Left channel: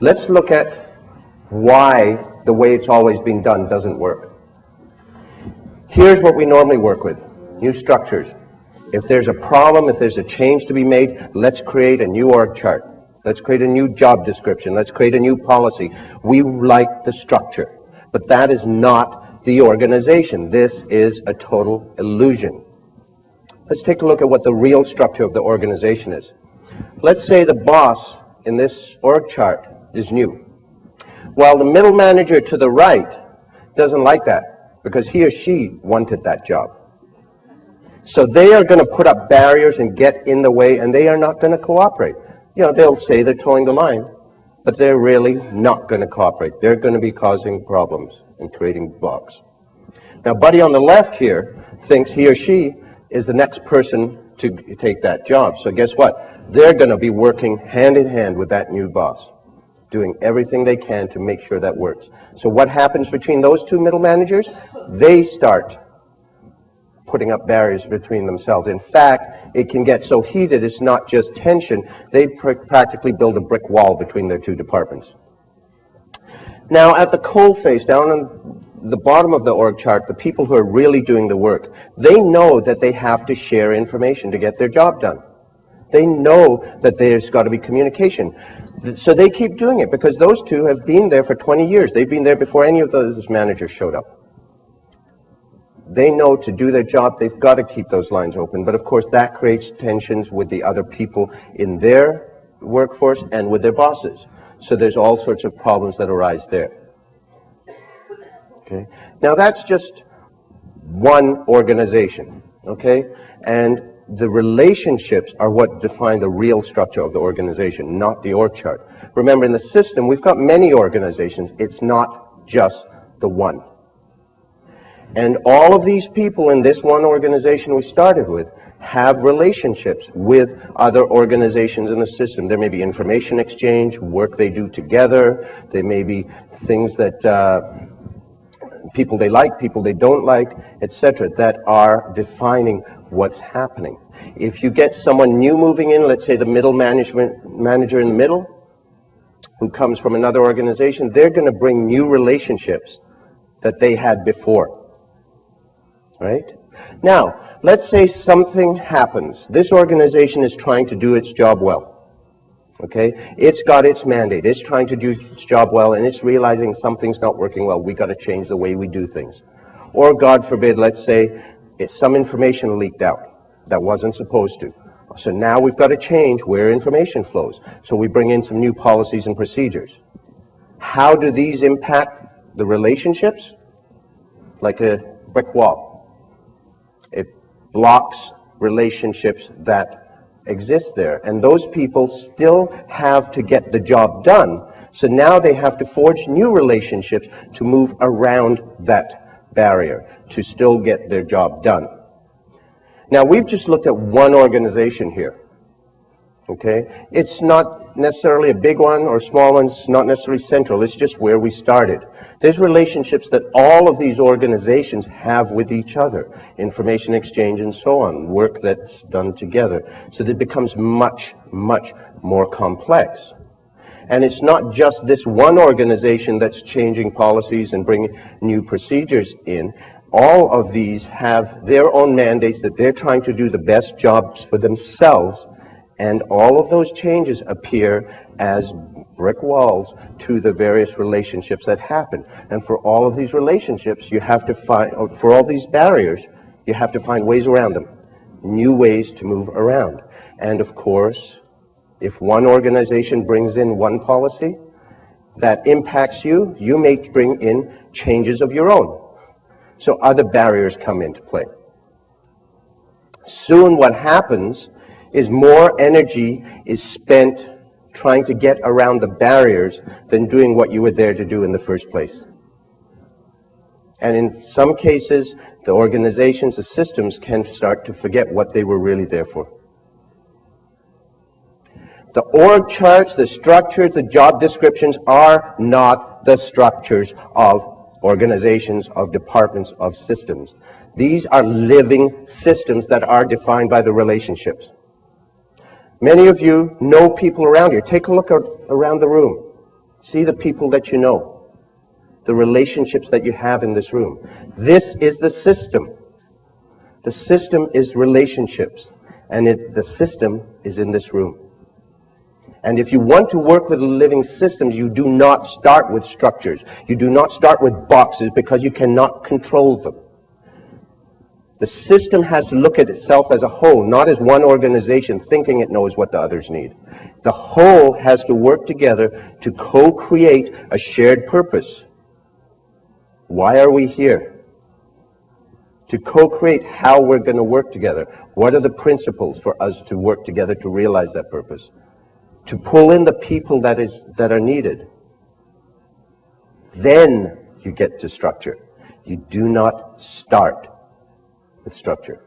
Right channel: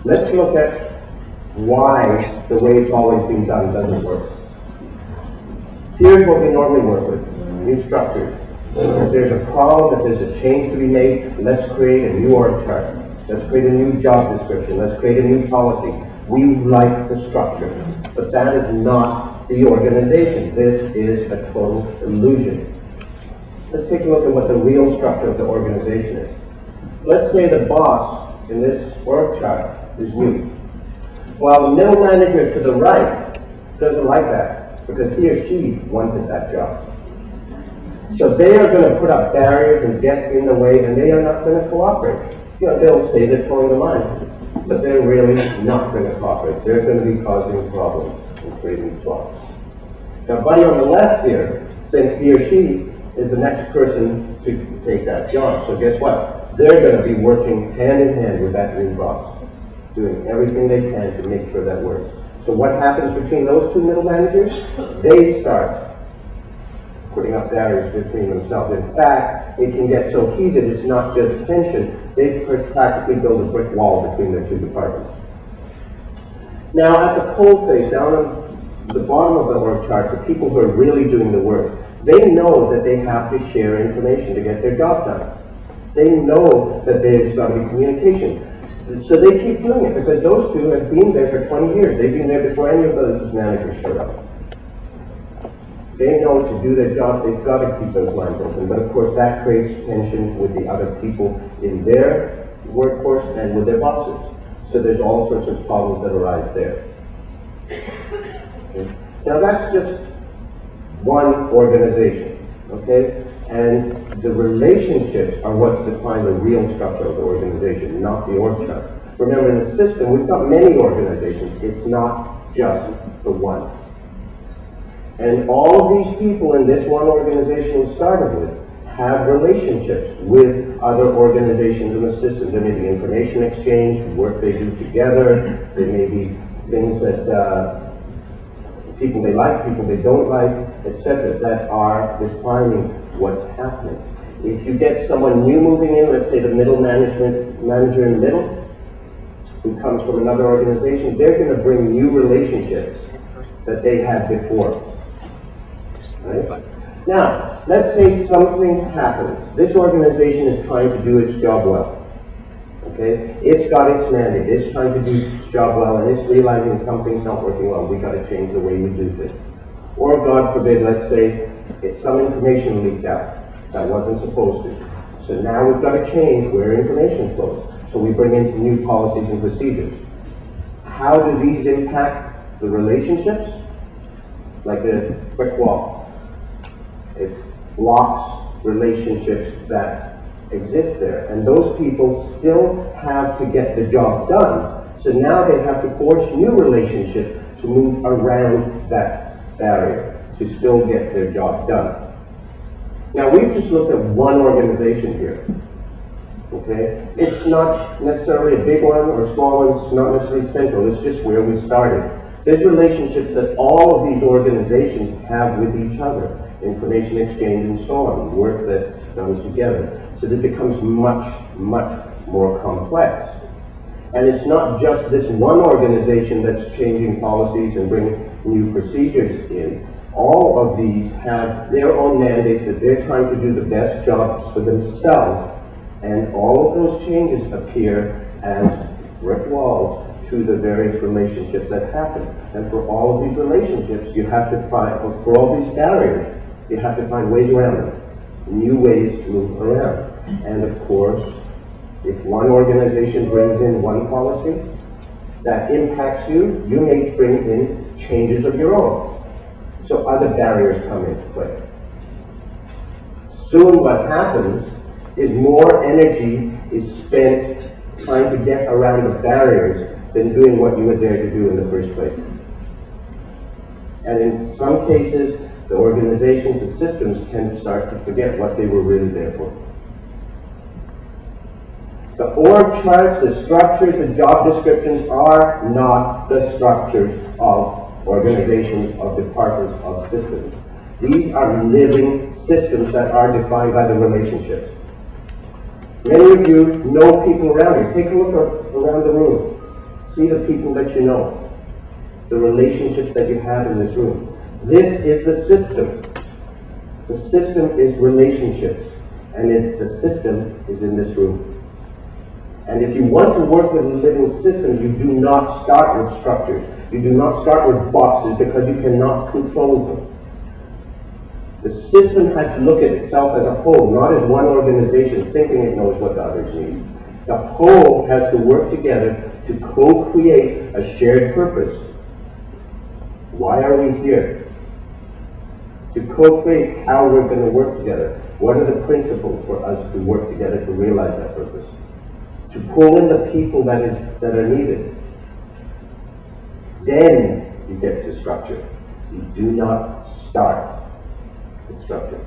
Let's look at why the way it's always been done doesn't work. Here's what we normally work with: new structures. If there's a problem, if there's a change to be made, let's create a new org chart. Let's create a new job description. Let's create a new policy. We like the structure, but that is not the organization. This is a total illusion. Let's take a look at what the real structure of the organization is. Let's say the boss in this org chart is new. While the middle manager to the right doesn't like that because he or she wanted that job. So they are going to put up barriers and get in the way, and they are not going to cooperate. You know, they'll say they're towing the line, but they're really not going to cooperate. They're going to be causing problems and creating blocks. Now, buddy on the left here thinks he or she is the next person to take that job. So guess what? They're going to be working hand in hand with that new boss, doing everything they can to make sure that works. So what happens between those two middle managers? They start putting up barriers between themselves. In fact, it can get so heated, it's not just tension, they practically build a brick wall between their two departments. Now, at the coalface, down on the bottom of the org chart, the people who are really doing the work, they know that they have to share information to get their job done. They know that there's got to be communication. So they keep doing it because those two have been there for 20 years. They've been there before any of those managers showed up. They know to do their job, they've got to keep those lines open. But of course, that creates tensions with the other people in their workforce and with their bosses. So there's all sorts of problems that arise there. Okay. Now that's just one organization, okay? And the relationships are what define the real structure of the organization, not the org chart. Remember, in the system, we've got many organizations. It's not just the one. And all of these people in this one organization we started with have relationships with other organizations in the system. There may be information exchange, work they do together. There may be things that people they like, people they don't like, etc., that are defining what's happening. If you get someone new moving in, let's say the middle manager in the middle, who comes from another organization, they're going to bring new relationships that they had before. Right? Now, let's say something happens. This organization is trying to do its job well. Okay? It's got its mandate. It's trying to do its job well, and it's realizing something's not working well. We've got to change the way we do things. Or, God forbid, let's say some information leaked out that wasn't supposed to. So now we've got to change where information flows. So we bring in some new policies and procedures. How do these impact the relationships? Like a brick wall. It blocks relationships that exist there. And those people still have to get the job done. So now they have to forge new relationships to move around that barrier to still get their job done. Now, we've just looked at one organization here. Okay? It's not necessarily a big one or a small one. It's not necessarily central. It's just where we started. There's relationships that all of these organizations have with each other. Information exchange and so on. Work that's done together. So that it becomes much, much more complex. And it's not just this one organization that's changing policies and bringing new procedures in. All of these have their own mandates that they're trying to do the best jobs for themselves. And all of those changes appear as brick walls to the various relationships that happen. And for all of these relationships, you have to find, for all these barriers, you have to find ways around them, new ways to move around. And of course, if one organization brings in one policy that impacts you, you may bring in changes of your own. So other barriers come into play. Soon what happens is more energy is spent trying to get around the barriers than doing what you were there to do in the first place. And in some cases, the organizations, the systems can start to forget what they were really there for. The org charts, the structures, the job descriptions are not the structures of organizations, of departments, of systems. These are living systems that are defined by the relationships. Many of you know people around you. Take a look around the room. See the people that you know, the relationships that you have in this room. This is the system. The system is relationships, and the system is in this room. And if you want to work with living systems, you do not start with structures. You do not start with boxes, because you cannot control them. The system has to look at itself as a whole, not as one organization thinking it knows what the others need. The whole has to work together to co-create a shared purpose. Why are we here? To co-create how we're going to work together. What are the principles for us to work together to realize that purpose? To pull in the people that are needed. Then you get to structure. You do not start with structure.